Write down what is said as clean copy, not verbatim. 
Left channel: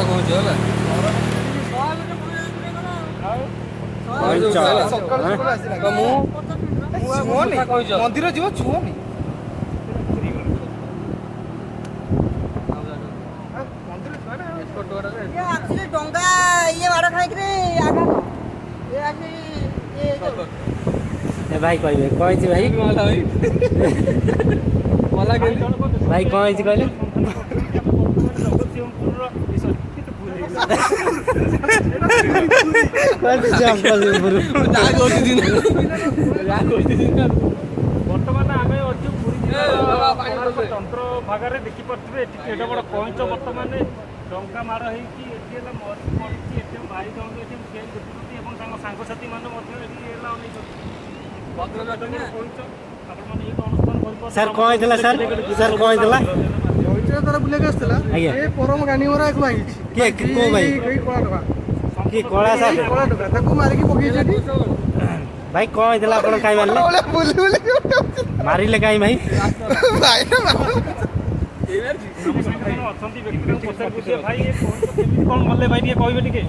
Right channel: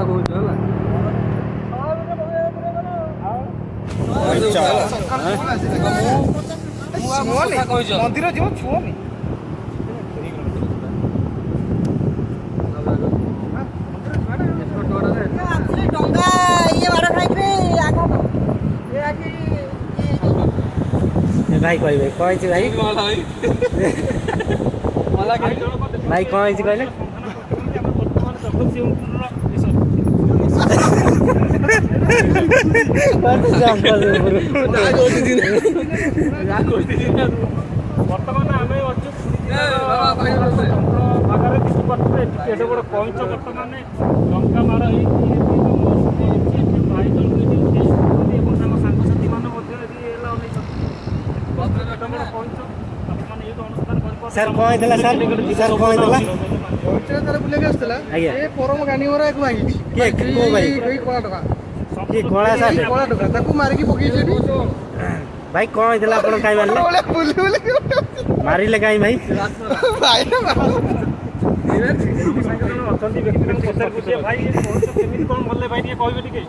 କଥା କହୁଛି ହେଲା ମନ୍ଦିର ଯିବ ଛୁଅନି ଡଙ୍ଗା ଇଏ ମାଡ଼ ଖାଇକିରି ଆଘାତ ଭାଇ କହିବେ କଣ ହେଇଛି ଭାଇ ଭାଇ କଣ ହେଇଛି କହିଲେ ବର୍ତ୍ତମାନ ଆମେ ଅଛୁ ପୁରୀ ଜିଲ୍ଲାର ଚନ୍ଦ୍ର ଭାଗରେ ଦେଖିପାରୁଥିବେ ଏଠି ଏଡ଼େ ବଡ଼ କଇଁଚ ବର୍ତ୍ତମାନ ଡଙ୍ଗା ମାଡ଼ ହେଇକି ଏଠି ମରି ପଡ଼ିଛି ଏଠି ଭାଇ ଜଣକୁ ଏଠି କେସ୍ କରୁଛନ୍ତି ଏବଂ ତାଙ୍କ ସାଙ୍ଗସାଥିମାନେ ମଧ୍ୟ ଏଠି ହେଲା ଅନେଇଛନ୍ତି ଏଡ଼େ ବଡ଼ କଇଁଚ ଆପଣମାନେ ଏଇଠି ଅନୁଷ୍ଠାନ କରିପାରୁଛନ୍ତି ସାର୍ କଣ ହେଇଥିଲା ସାର୍ ସାର୍ କଣ ହେଇଥିଲା ତାର ବୁଲିବାକୁ ଆସିଥିଲା ଆଜ୍ଞା ଏ ପରମ ଗାନିମରା ଏକୁ ଭାଙ୍ଗିଛି କୋଉ ଭାଇ କଳା ଟଙ୍କା କିଏ କଳା ସାର୍ କଳା ଟଙ୍କା ତାକୁ ମାରିକି ପକେଇଛି ଏଠି ଭାଇ କଣ ହେଇଥିଲା ଆପଣ କାଇଁ ମାରିଲେ ମାରିଲେ କାଇଁ ଭାଇ ଅଛନ୍ତି ବ୍ୟକ୍ତିଗତ ପଚାର ଭାଇ କେମିତି କ'ଣ ଗଲେ ଭାଇ ଟିକେ କହିବେ ଟିକେ